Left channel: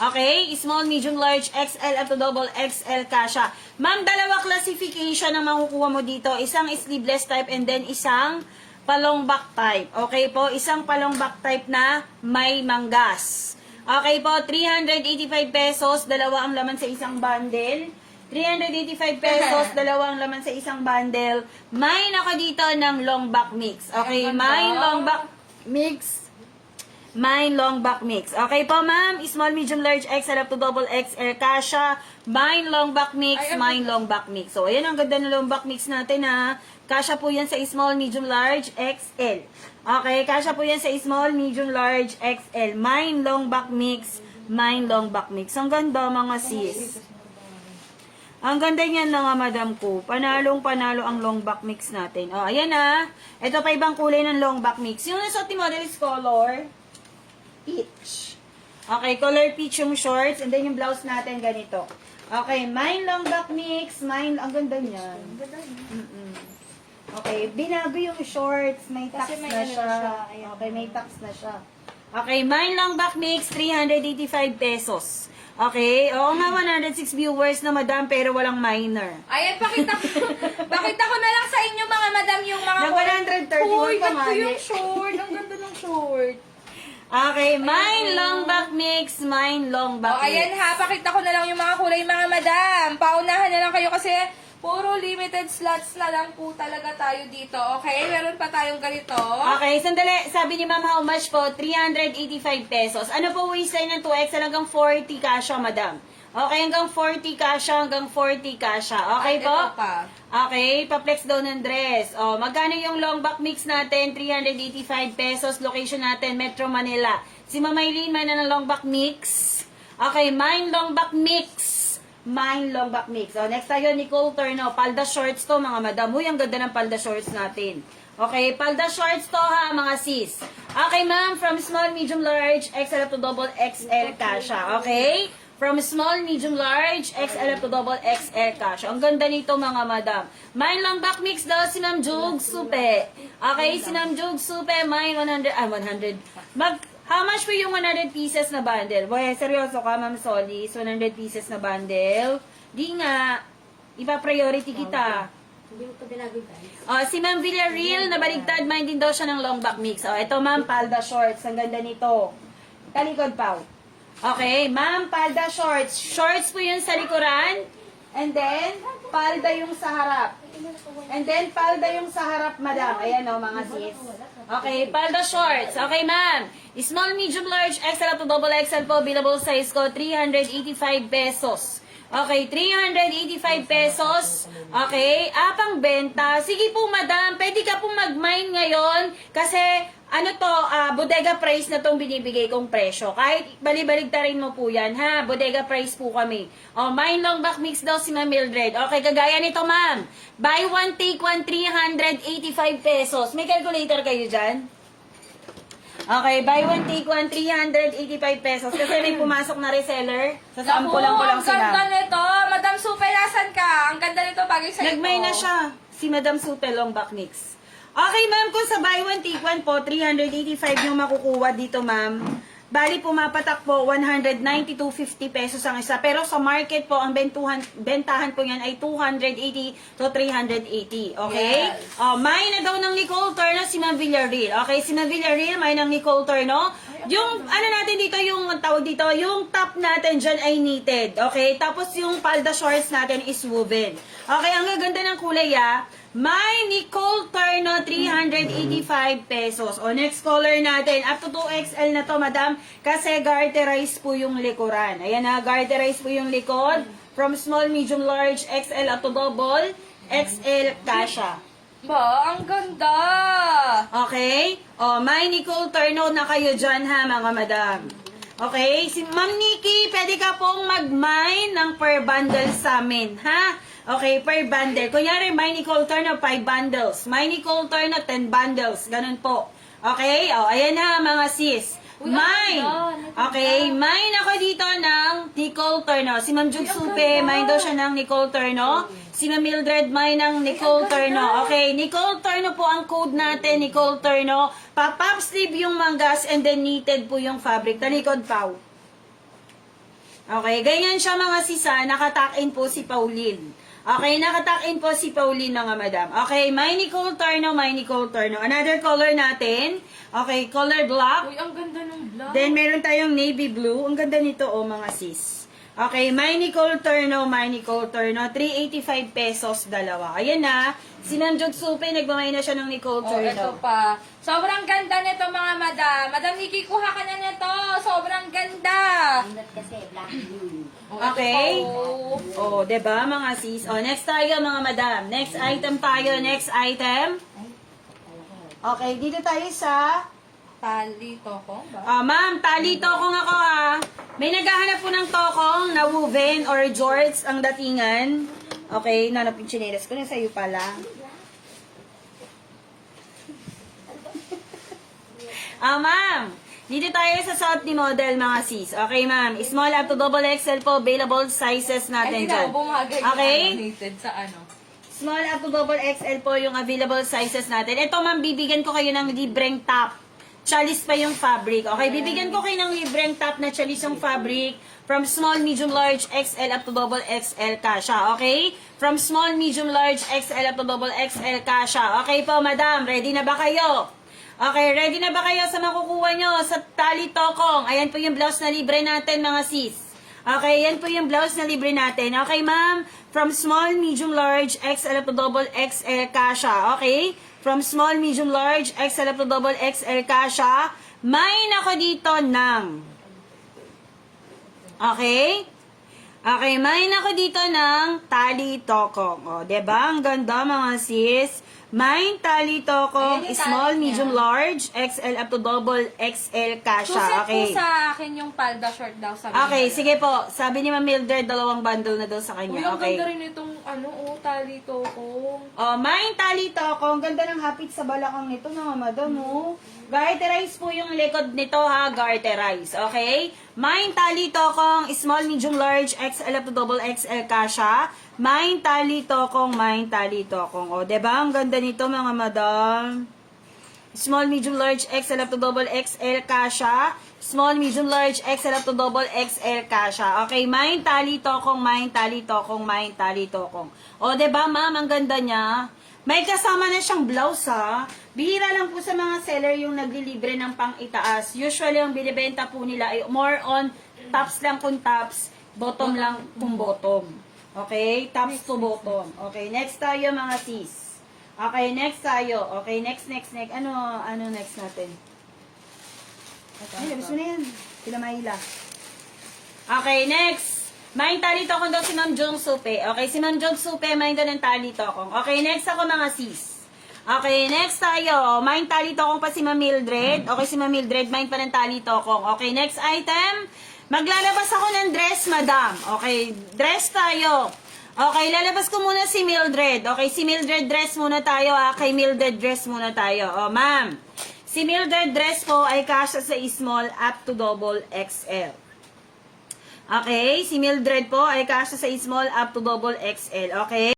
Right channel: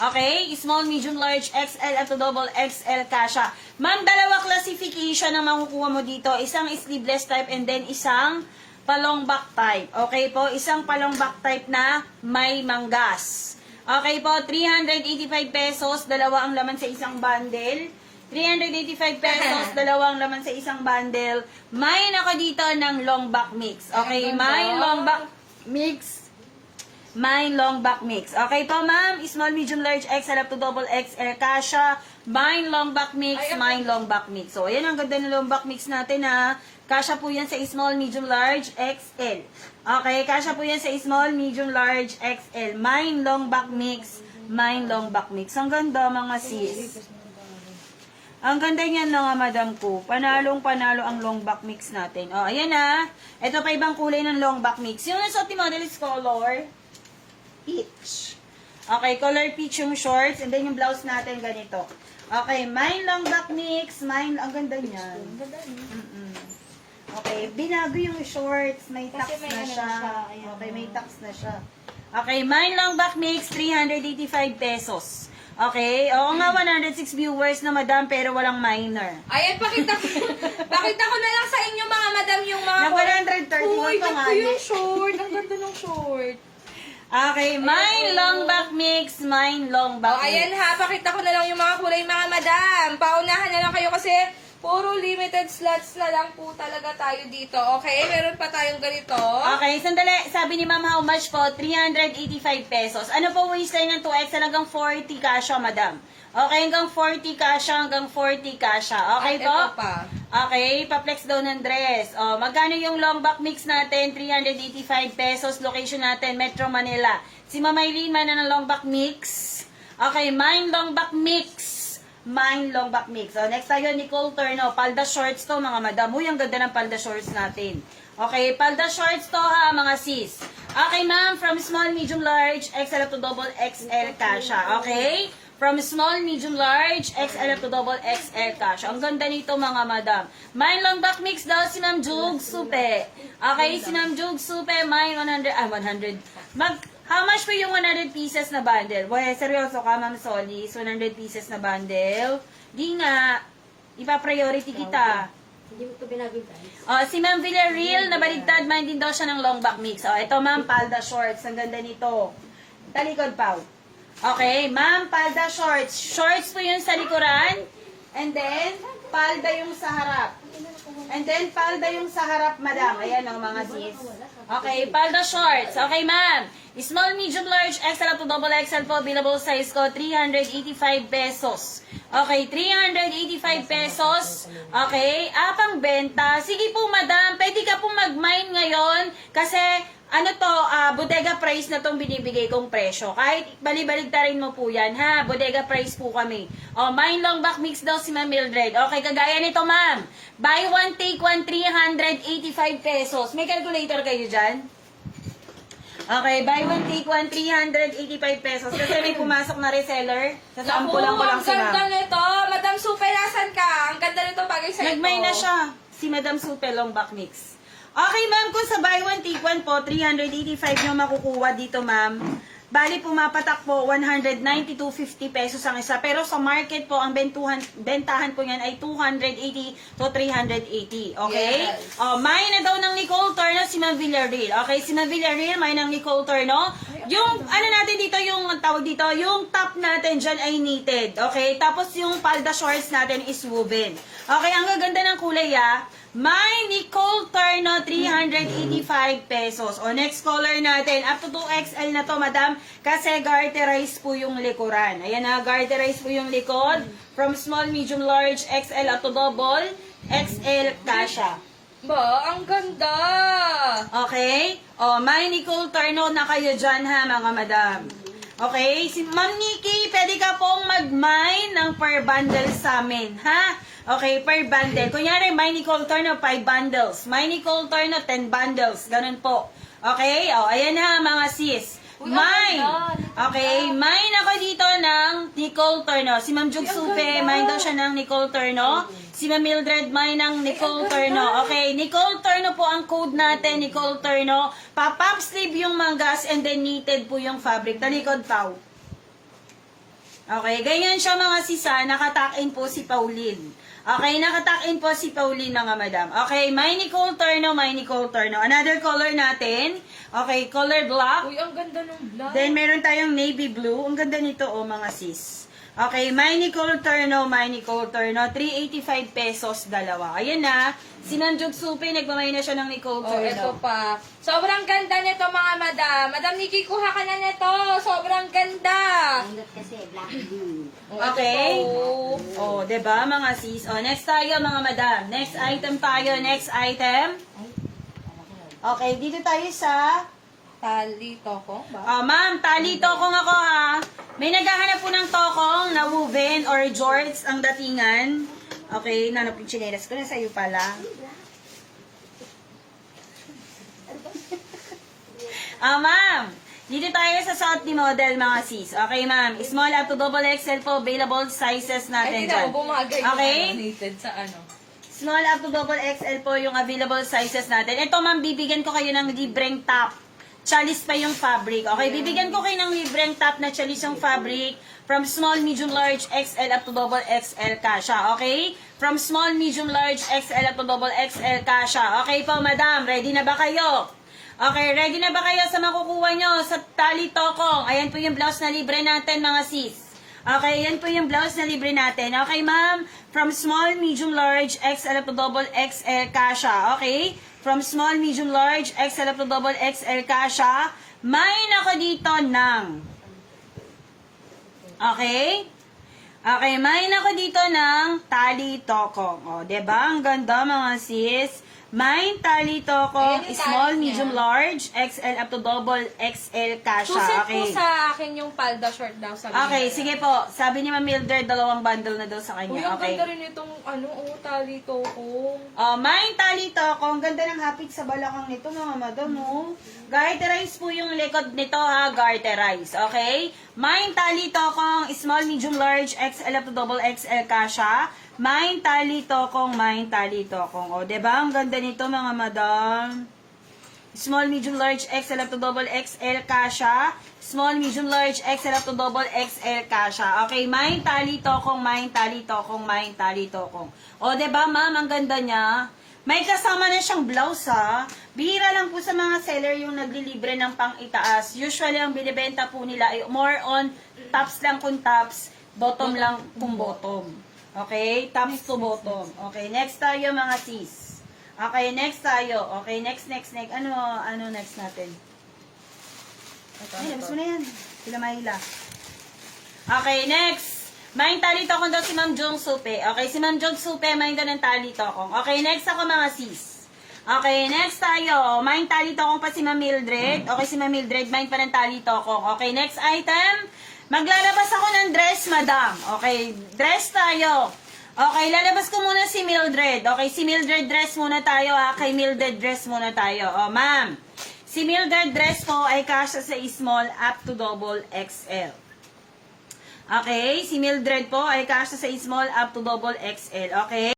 Okay, small, medium, large, XL up to double XL kasha. Ma'am, dalawa classification ang makukuha mo dito. Isang sleeveless type and then isang palong back type. Okay po, isang palong back type na may manggas. Okay po, 385 pesos, dalawa ang laman sa isang bundle. 385 pesos, dalawa ang laman sa isang bundle. May naka dito ng long back mix. Okay, may long back mix. May long back mix. Okay po, ma'am. Small, medium, large, XL up to double XL kasha. Mine long back mix, mine long back mix. So, ayan ang ganda ng long back mix natin ha. Kasha po yan sa small, medium, large, XL. Okay, kasha po yan sa small, medium, large, XL. Mine long back mix, mine long back mix. Ang ganda mga sis. Ang ganda niyan mga madam ko. Panalong panalo ang long back mix natin. O, ayan ha. Ito pa ibang kulay ng long back mix. Yung nasa model is color peach. Okay, color peach yung shorts and then yung blouse natin ganito. Okay, mine long back mix, mine, ang ganda niyan. Ang ganda niya. Okay, binago yung shorts, may tax may na ano siya. na siya, ayan. Okay, may tax na siya. Okay, mine long back mix, 385 pesos. Okay, oo nga 106 viewers na madam pero walang minor. Ayan, pakita ko na lang sa inyo mga madam yung mga... Nag 131 Uy, pa ba't nga ko eh. yung short? Ang ganda ng short. Okay, mine long back mix, mine long back Oh, ayan mix. ha, pakita ko na lang yung mga kulay mga madam. Paunahan na lang kayo kasi puro limited slots na lang po talaga tayo dito. Okay, meron pa tayong ganito. Okay, sandali. Sabi ni ma'am how much po? 385 pesos. Ano po waistline ng 2XL hanggang 40 kasha, madam? Okay, hanggang 40 kasha, hanggang 40 kasha. Okay po? Ito pa. Okay, pa-flex daw ng dress. O, magkano yung long back mix natin? 385 pesos. Location natin, Metro Manila. Si Ma'am Eileen, may na ng long back mix. Okay, mine long back mix. Mine long back mix. So, next tayo, Nicole Turno. Palda shorts to, mga madam. Uy, ang ganda ng palda shorts natin. Okay, palda shorts to ha, mga sis. Okay, ma'am, from small, medium, large, XL up to double XL kasha. Okay? From small, medium, large, XL up to double XL cash. Ang ganda nito mga madam. Mine long back mix daw si Ma'am Jug Supe. Okay, si Ma'am Jug Supe, mine 100. How much po yung 100 pieces na bundle? Boy, seryoso ka, Ma'am Solis? 100 pieces na bundle? Di nga. Ipa-priority kita. Hindi mo ito binabigay. Si Ma'am Villarreal, nabaligtad, mine din daw siya ng long back mix. Ito Ma'am, palda shorts. Ang ganda nito. Talikod pa. Okay, ma'am, palda shorts. Shorts po yun sa likuran. And then, palda yung sa harap. And then, palda yung sa harap, madam. Ayan o, mga sis. Okay, palda shorts. Okay, ma'am. Small, medium, large, XL up to double XL po. Available size ko, 385 pesos. Okay, 385 pesos. Okay, pang benta. Sige po, madam. Pwede ka pong mag-mine ngayon. Kasi, bodega price na tong binibigay kong presyo. Kahit balibaligtarin mo po yan, ha? Bodega price po kami. Mine long back mix daw si Ma'am Mildred. Okay, kagaya nito, ma'am. Buy one, take one, 385 pesos. May calculator kayo dyan? Okay, buy one, take one, 385 pesos. Kasi may pumasok na reseller. Sasampulan ko lang Ang sila. ganda nito. Madam Supe, nasan ka? Ang ganda nito, bagay sa ito. Nagmay na siya. Si Madam Supe long back mix. Okay, ma'am, kung sa buy one, take one po, 385 yung makukuha dito, ma'am. Bali, pumapatak po, 192.50 pesos ang isa. Pero sa market po, ang bentahan po yan ay 280 to 380. Okay? Yes. May na daw ng Nicole Turno si Ma'am Villarreal. Okay, si Ma'am Villarreal, may ng Nicole Turno. Yung, natin dito, yung tawag dito, yung top natin dyan ay knitted. Okay? Tapos yung palda shorts natin is woven. Okay, ang gaganda ng kulay, May Nicole Turno, 385 pesos. Next color natin, up to 2XL na to, madam, kasi garterize po yung likuran. Ayan na, garterize po yung likod. From small, medium, large, XL up to double, XL kasha. Ba, ang ganda. Okay? May Nicole Turno na kayo dyan, ha, mga madam. Okay? Si Ma'am Nikki, pwede ka pong mag-mine ng per bundle sa amin, ha? Okay, per bundle. Kunyari, may Nicole Turno, 5 bundles. May Nicole Turno, 10 bundles. Ganun po. Okay? Ayan na, mga sis. Mine. Okay, mine ako dito ng Nicole Turno. Si Ma'am Jug Supe, mine daw siya ng Nicole Turno. Si Ma'am Mildred may ng Nicole Turno. Okay, Nicole Turno po ang code natin. Nicole Turno. Pa-pop sleeve yung manggas and then knitted po yung fabric. Talikod, Pau. Okay, ganyan siya mga sisa. Nakatakin po si Pauline. Okay, nakatakin po si Pauline mga madam. Okay, may Nicole Turno, may Nicole Turno. Another color natin. Okay, color black. Uy, ang ganda ng black. Then, meron tayong navy blue. Ang ganda nito, oh, mga sis. Okay, may Nicole Turno, may Nicole Turno. 385 pesos, dalawa. Ayan na. Si Nanjot Supe, nagmamay na siya ng Nicole Oh, ito Turno. pa. Sobrang ganda nito mga madam. Madam Nikki, kuha ka na nito. Sobrang ganda. Pindot kasi, black blue. Okay? Oh, Oh, 'di ba mga sis? Oh, next tayo mga madam. Next item tayo, next item. Ay, kala ko. Okay, dito tayo sa tali toko ba? ma'am, tali tokong ako ha. May naghahanap po ng tokong na woven or jorts ang datingan. Okay, nanap yung chinelas ko na sa'yo pala. Ma'am, dito tayo sa South ni model mga sis. Okay, ma'am. Small up to double XL po, available sizes Ay, natin hindi na, dyan. bumagay yung Okay? knitted sa ano. Small up to double XL po yung available sizes natin. Ito, ma'am, bibigyan ko kayo ng libreng top. Chalice pa yung fabric. Okay, bibigyan ko kayo ng libreng top na chalice yung fabric from small, medium, large, XL up to double XL kasha. Okay? From small, medium, large, XL up to double XL kasha. Okay po, madam. Ready na ba kayo? Okay, ready na ba kayo sa makukuha nyo sa tali tokong? Ayan po yung blouse na libre natin, mga sis. Okay, yan po yung blouse na libre natin. Okay, ma'am? From small, medium, large, XL up to double XL kasha. Okay? From small, medium, large, XL up to double XL kasha. May nako dito ng... Okay? Okay, may nako dito ng tali tokong. O, diba? Ang ganda, mga sis. May tali tokong, Ayan yung small, tali niya. medium, large, XL up to double XL kasha. Suset Okay. po sa akin yung palda short daw sa Okay, sige po. Sabi ni Ma'am Mildred, 2 bundle na daw sa Uy, kanya. ang Okay. ganda rin itong tali toko. Oh, may tali to ako. Ang ganda ng hapit sa balakang nito, mga madam, oh. Garterize po yung likod nito, ha. Garterize, okay? May tali to akong small, medium, large, XL up to double XL kasha. May tali to akong, may tali to akong. O, diba? Ang ganda nito, mga madam. Small, medium, large, XL up to double XL kasha. Small, medium, large, XL up to double XL kasha. Okay, may tali tokong, may tali tokong, may tali tokong. O, diba, ma'am? Ang ganda niya. May kasama na siyang blouse, ha. Bihira lang po sa mga seller yung naglilibre ng pang-itaas. Usually, ang binibenta po nila ay more on tops lang kung tops, bottom lang kung bottom. Okay? Tops to bottom. Okay, next tayo, mga sis. Okay, next tayo. Okay, next. Ano next natin? Ay, labas mo na yan. Sila Mahila. Okay, next. May tali tokong daw si Ma'am Jong Supe. Okay, si Ma'am Jong Supe, may daw ng tali tokong. Okay, next ako, mga sis. Okay, next tayo. May tali tokong pa si Ma'am Mildred. Okay, si Ma'am Mildred, may pa ng tali tokong. Okay, next item. Maglalabas ako ng dress, madam. Okay, dress tayo. Okay, lalabas ko muna si Mildred. Okay, si Mildred dress muna tayo, ha. Kay Mildred dress muna tayo. Oh, ma'am. Si Mildred dress po ay kasya sa small up to double XL. Okay, si Mildred po ay kasya sa small up to double XL. Okay?